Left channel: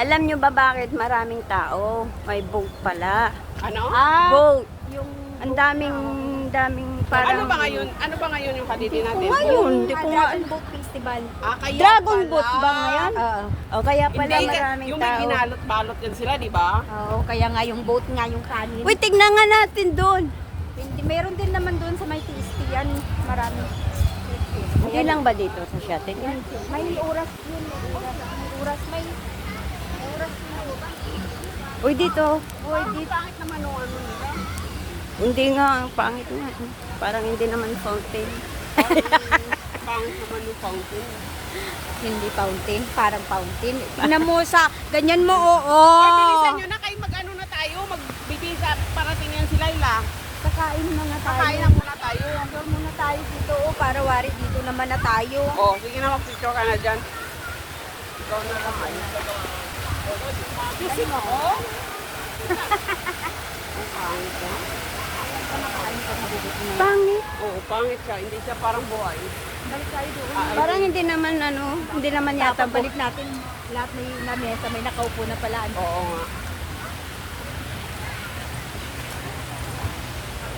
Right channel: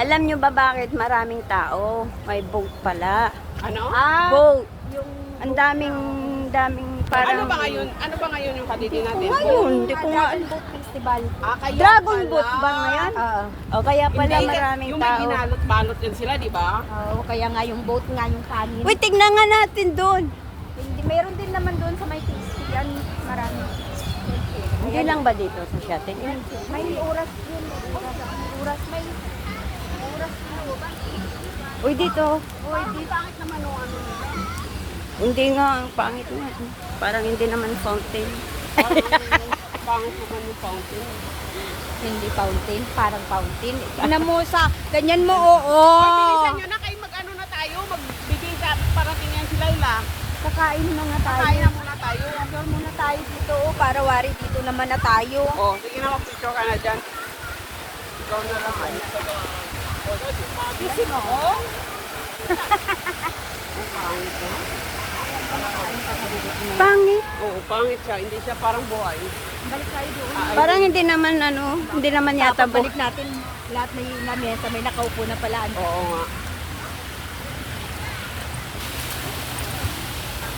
Alam nyo ba bakit maraming tao? May boat pala. Ano? Boat. Yung Ang daming parang... Ano ba ngayon yung palitin natin? Ngayon, hindi ko nga... Dragon Boat Festival. Kaya Dragon pala. boat ba ngayon? Oo. O kaya pala Hindi, maraming yung may tao. binalot-balot yan sila, di ba? Oo, kaya nga yung boat nga yung kanin. Uy, tignan nga natin doon. Hindi, meron din naman doon sa may tasty yan. Marami. Hindi lang ba dito sa shuttle? May oras yun. May oras. May oras. Uy, dito. Uy, di bakit naman yung ano nila? Hindi nga, ang pangit nga. Parang hindi naman fountain. Pangit naman yung fountain. Hindi fountain, parang fountain. Tingnan mo sa, ganyan mo, oo. Bilisan nyo na kayo mag-ano na tayo, magbibisa, parating yan sila ila. Kakain na nga tayo. Kaya muna tayo. Hanggang muna tayo dito, oh, para wari dito naman na tayo. Oh, sige na, picture ka na dyan. Ikaw mo lang kami. Kasi mo, Pangit. Oo, pangit siya. Hindi siya parang buhay. balik tayo doon. Parang hindi naman hindi naman yata boat. Balik natin lahat ng yung mesa, may nakaupo na pala. Oo nga.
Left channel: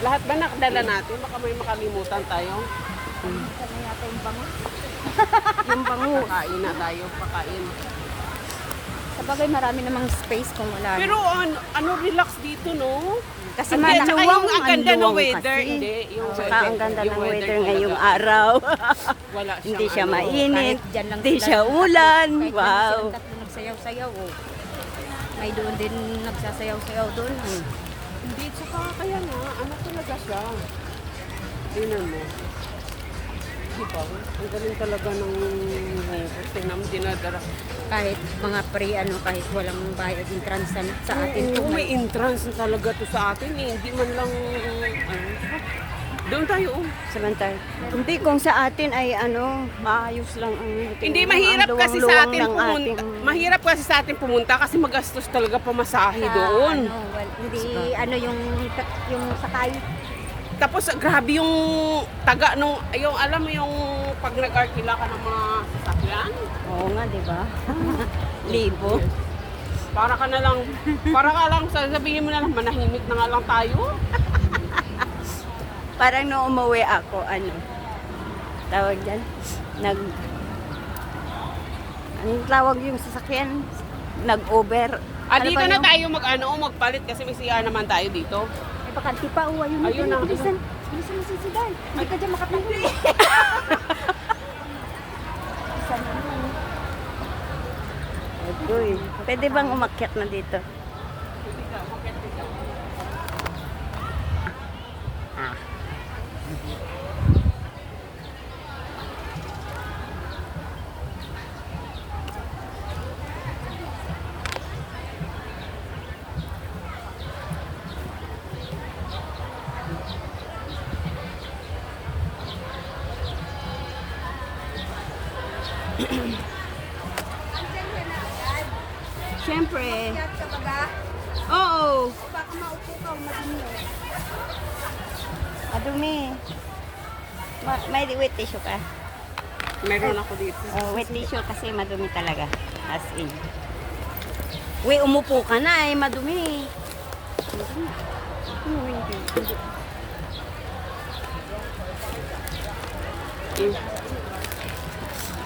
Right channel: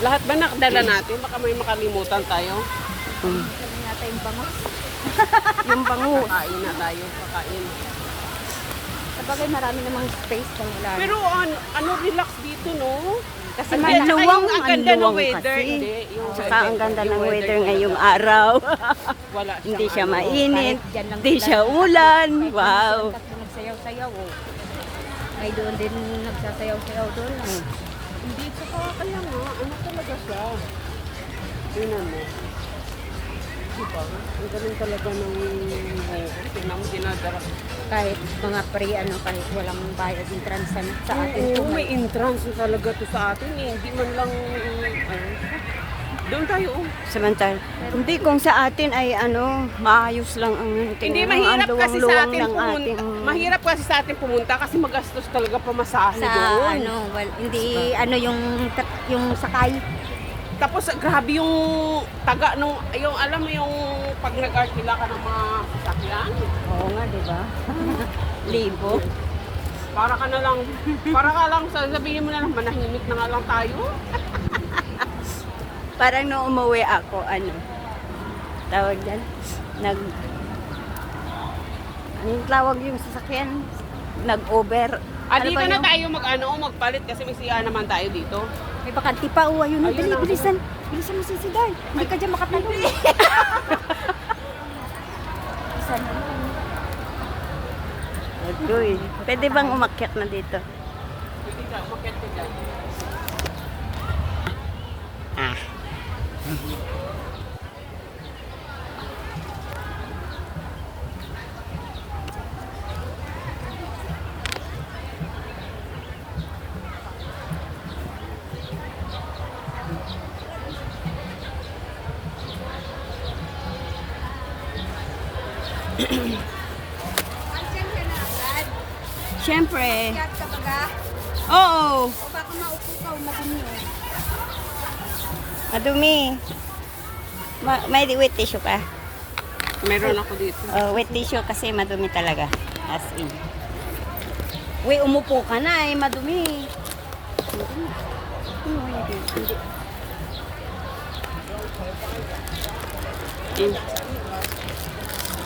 Lahat ba nakadala natin? Baka may makalimutan tayo. Sabi natin yung bangus. Yung bangus. Pakain na tayo, pakain. Sabagay marami namang space kung wala. Pero ano relax dito, no? Kasi Ang malaki. luwang, Ang ang ganda ng luwang weather, kasi. hindi. Yung Saka ang ganda ng weather talaga. ngayong araw. Wala Hindi siya ano. mainit, Kahit dyan lang hindi sila. siya ulan. Kahit Wow. silang tatlo nagsayaw-sayaw, oh. May doon din nagsasayaw-sayaw doon. Oh. Hindi, saka kaya nga, ano talaga siya? Tingnan mo. Diba? Ang galing talaga ng dinadara. Kahit mga kahit walang bayad entrance sa atin. Oo, to, may entrance na talaga to sa atin eh. Hindi man lang, doon tayo oh. Samantala, hindi kung sa atin ay maayos lang ang Hindi ang mahirap kasi sa luwang-luwang atin ng ating mahirap kasi sa atin pumunta kasi magastos talaga pamasahe sa doon. hindi yung sakay. Tapos grabe yung taga nung yung alam mo yung pag nag-artila ka ng mga sasakyan. Oo nga, di ba? Libo. Para ka na lang, para ka lang sabihin mo na lang manahimik na nga lang tayo. Parang nung umuwi ako, tawag dyan, anong tawag yung sasakyan? Nag-over. Ano Dito ba na yung? tayo magpalit kasi may siya naman tayo dito. May bakante pa, oh, ayun. Ayun na. Bilisan mo si Siday. Hindi ka dyan makatabi. Bilisan mo. Agoy. Pwede bang umakyat na dito? Siyempre. Lahat ka baga. Oo. O baka maupo ka o madumi. Madumi. May wet tissue ka? Meron ako dito. Oh, wet tissue kasi madumi talaga. As in. Uy, umupo ka na madumi.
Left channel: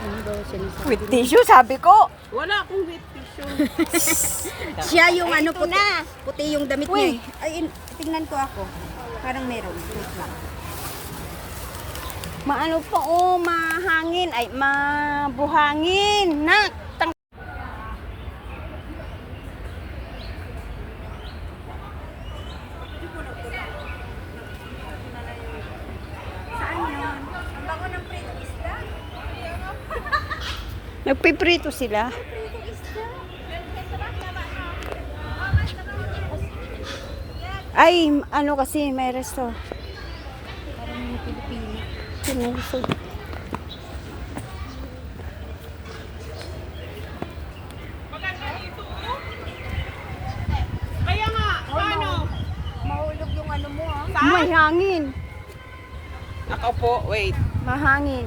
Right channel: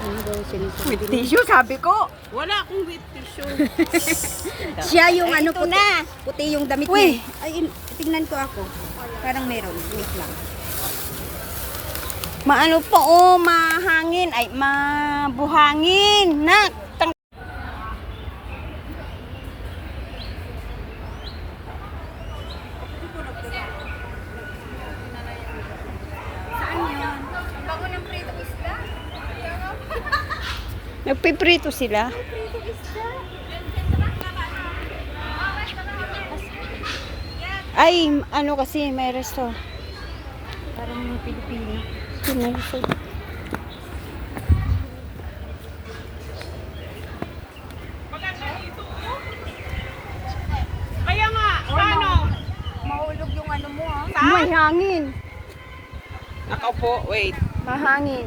Ano daw sinasabi? Wet tissue, sabi ko. Wala akong wet tissue. Siya yung Ay, ito na. puti yung damit Uy. niya. Ay, tingnan ko ako. Parang meron. Wait lang. Maano po, mahangin. Ay, mabuhangin. Saan yan? Bago ng prito isda? Nagpiprito sila. Prito isda? Ay, kasi, may resto. Parang mga Pilipino. Pinusog. Kaya nga, ano? Mahulog yung ano mo, ha? May hangin. Nakaupo, wait. Mahangin.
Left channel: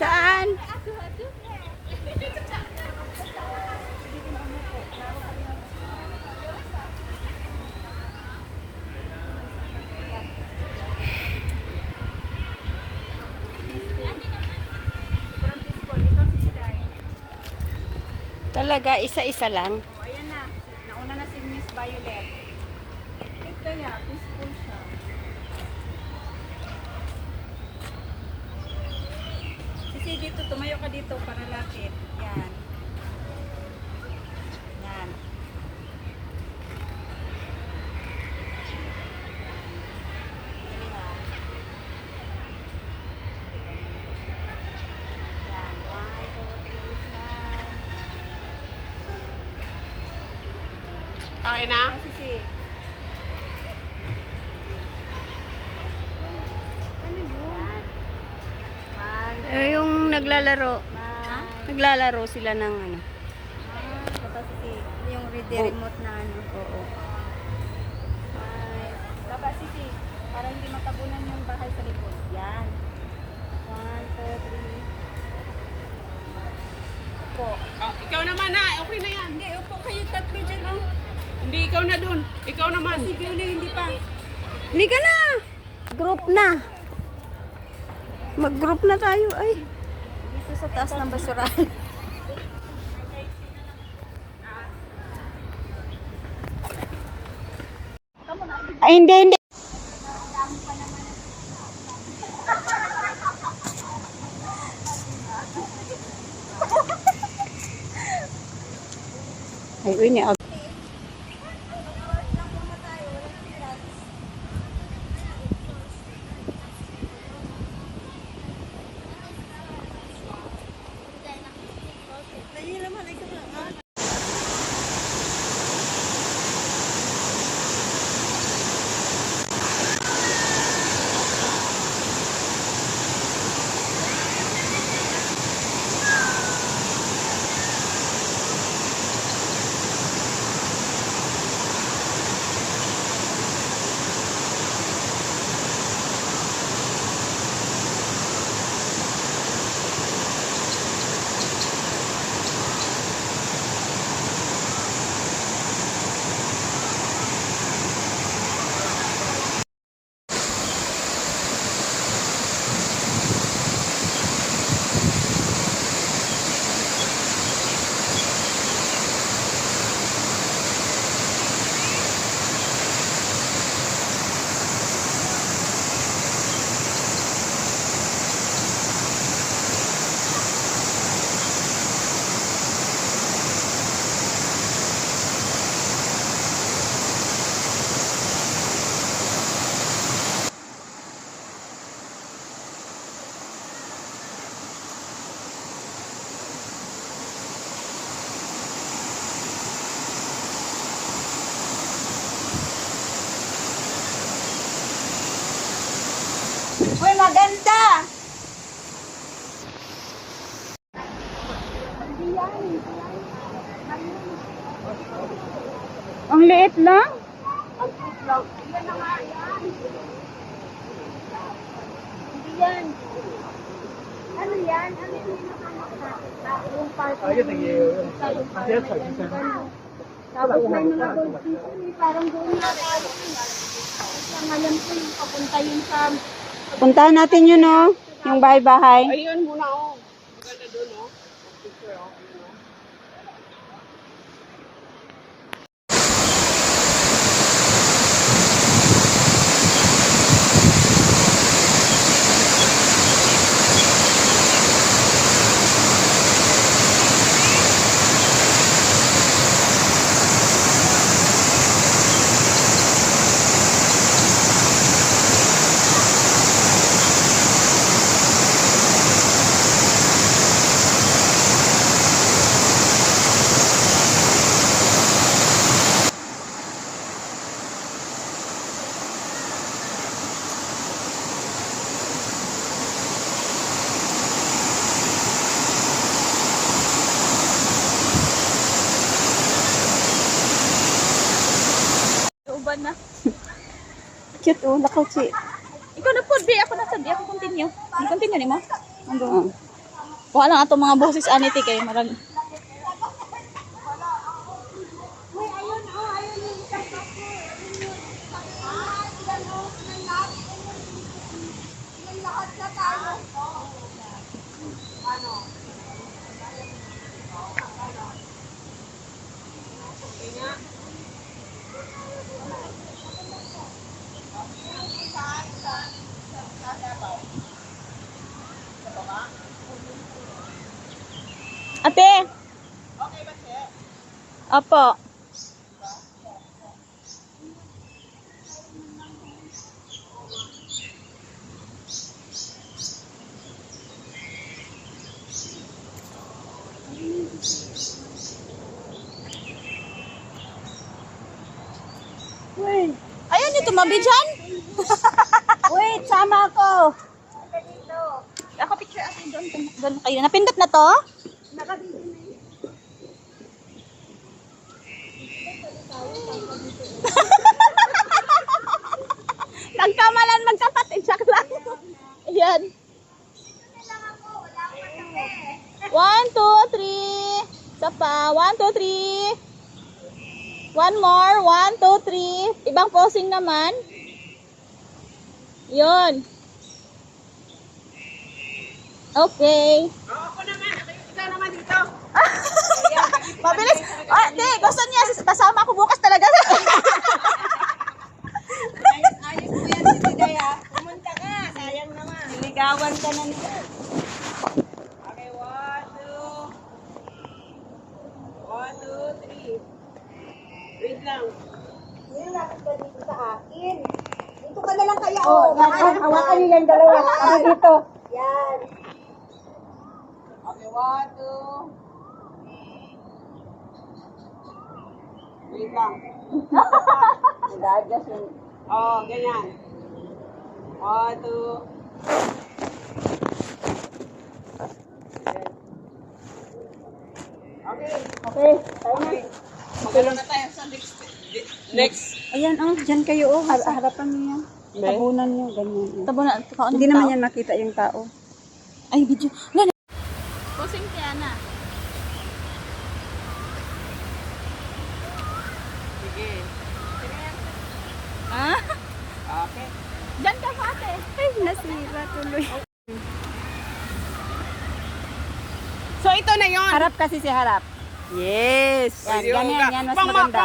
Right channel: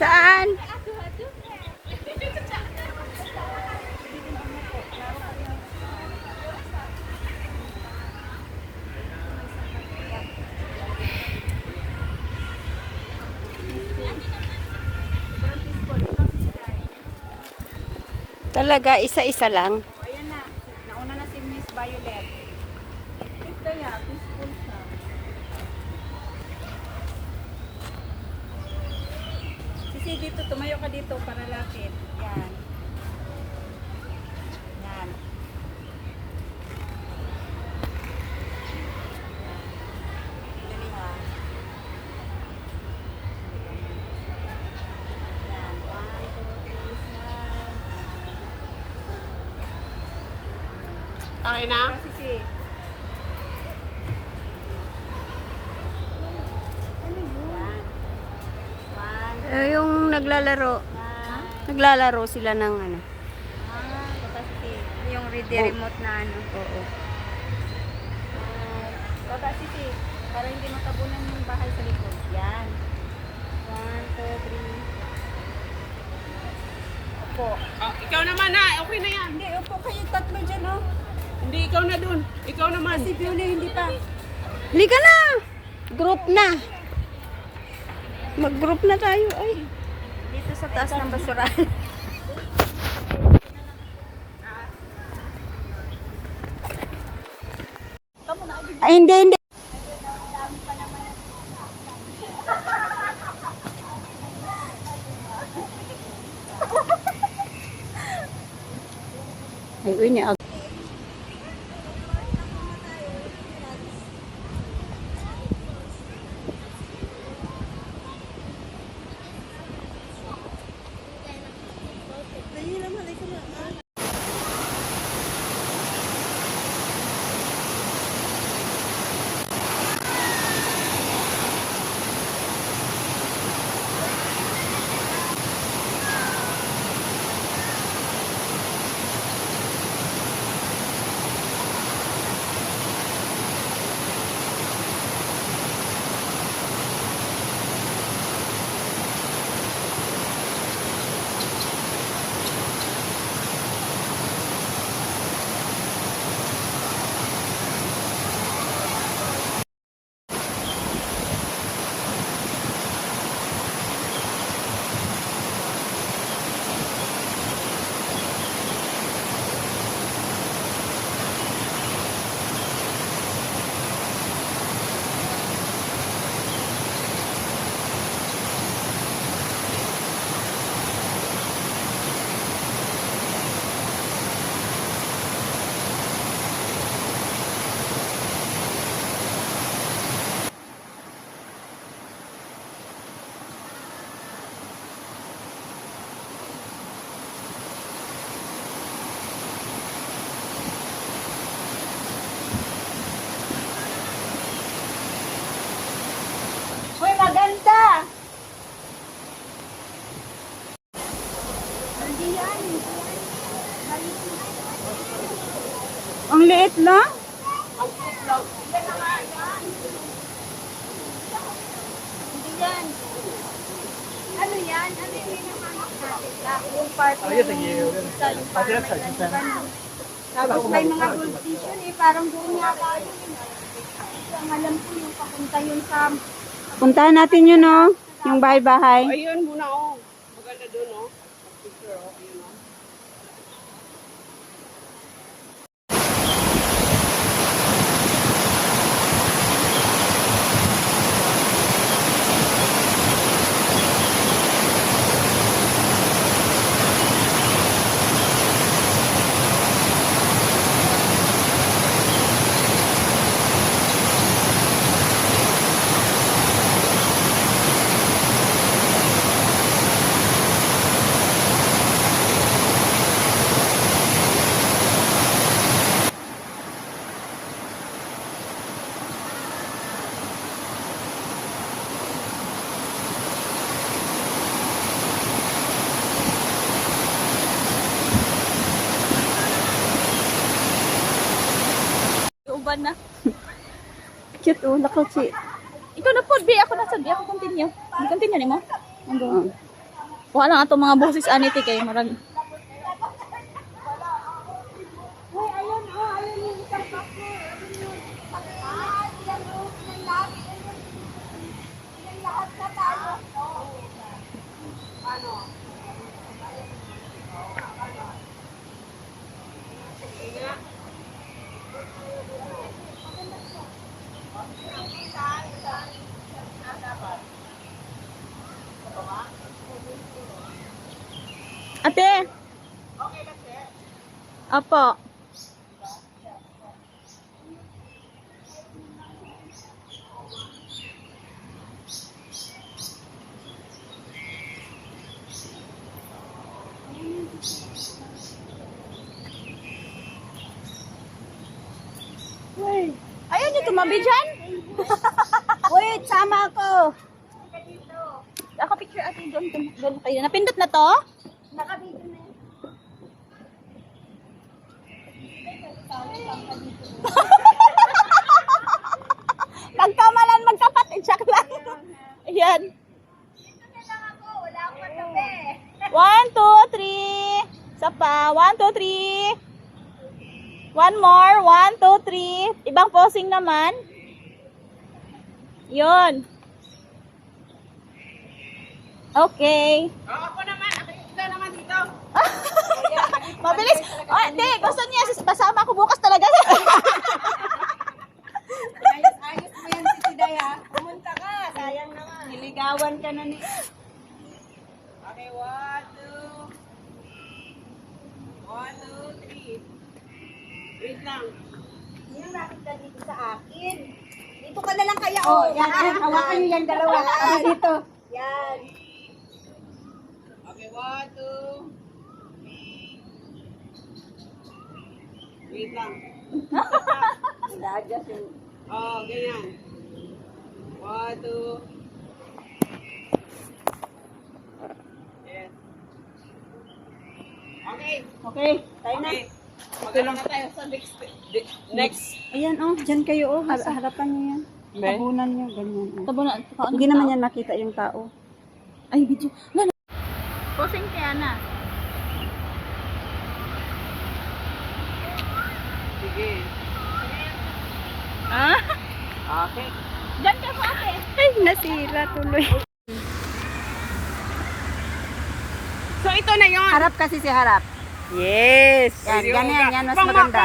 Saan? Talaga, isa-isa lang. Ayan na. Nauna na si Miss Violet. Kaya, peaceful siya. Sisi, dito, tumayo ka dito para lapit. Yan. Yan. Galing, ah. Okay na? Sisi. Yung naglalaro. Naglalaro sila ng ano. Tapos yung remote na ano. Oo. Baba, Sisi. Para hindi matabunan yung bahay sa likod. Yan. 1, 2, 3. Opo. Ah, ikaw naman ha. Okay na yan. Hindi, opo kayo tatlo dyan, oh. Hindi, ikaw na dun. Ikaw naman. Si Pioli, hindi pa. Halika na! Group na. Mag-group na tayo. Ay. Dito sa taas ng basurahan. Ay, hindi, hindi. Ay, uy, ni Hoy, maganda! Ang liit lang. Hindi yan. Ano yan? Ano yung nakamakita? Yung part na yung isa, yung parang may ganun. Tapos may mga gold fish yun eh. Parang doon nga. Ang alam ko yung papunta yun sa... Puntahan natin yun, oh. Yung bahay-bahay. Ayun muna oh. Maganda dun oh. Picture oh. Ayun oh. Uban na. Cute, oh. Nakauchi. Ikaw na po, di ako nasa, di ako continue. Di continue ni mo? Oh. Kuha lang ato mga boses aniti kay marag. Uy, ayun, oh, ayun yung isang bako. Ilan, oh, ilan lahat. Ilan lahat na tayo. Ano? Ate. Okay ba, Che? Apo. Ayun, ito mabi dyan. Wait, sama ko. Ako picture ate doon. Doon kayo. Napindot na to? Nakabidyo na yun. Nagkamalan magkapatid. Check lang. Ayan. Wala akong matabi. 1, 2, 3. Isa pa. 1, 2, 3. One more. 1, 2, 3. Ibang posing naman. Yun. Okay. Ako naman. Ikaw naman dito. Mabilis. Oh, di, gusto niya. Kasama ko bukas talaga. Ayos mo yan, Sisigay ha. Pumunta ka, sayang na nga. Niligawan ka na nila. Okay, 1, 2, 3. Wait lang. Yung lapit ka dito sa akin. Dito ka na lang kaya. Oh, yan, hawakan niyo yan dalawa. Kami dito. Yan. Okay, 1, 2. Wait lang. Nag-adjust yung... Oh, ganyan. 1, 2. Yes. Okay. Okay, tayo na. Okay. Magkaroon na tayo sa next. Ayan, oh, dyan kayo, oh. Harapan niyo yan. May? Tabunan niyo, ganyan. oh. Tabo na. Hindi naman yan makita yung tao. Ay, video. Wala. Posing kaya na. Sige. Ah? Okay. Diyan ka pa ate. Ay, nasira tuloy. So, ito na yon. Harap kasi si harap. Yes. Yan, Yung ganyan, yan, mas pang- maganda.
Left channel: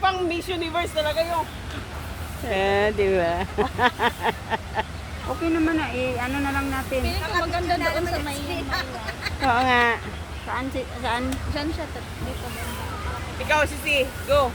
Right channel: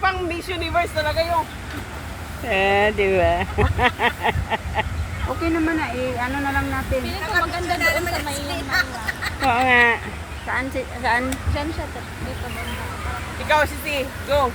Pang Miss Universe talaga yung. Di ba? Okay naman na, ano na lang natin. Maganda doon sa may Oo nga. Saan? Diyan siya. Dito. Ikaw, Sisi. Go.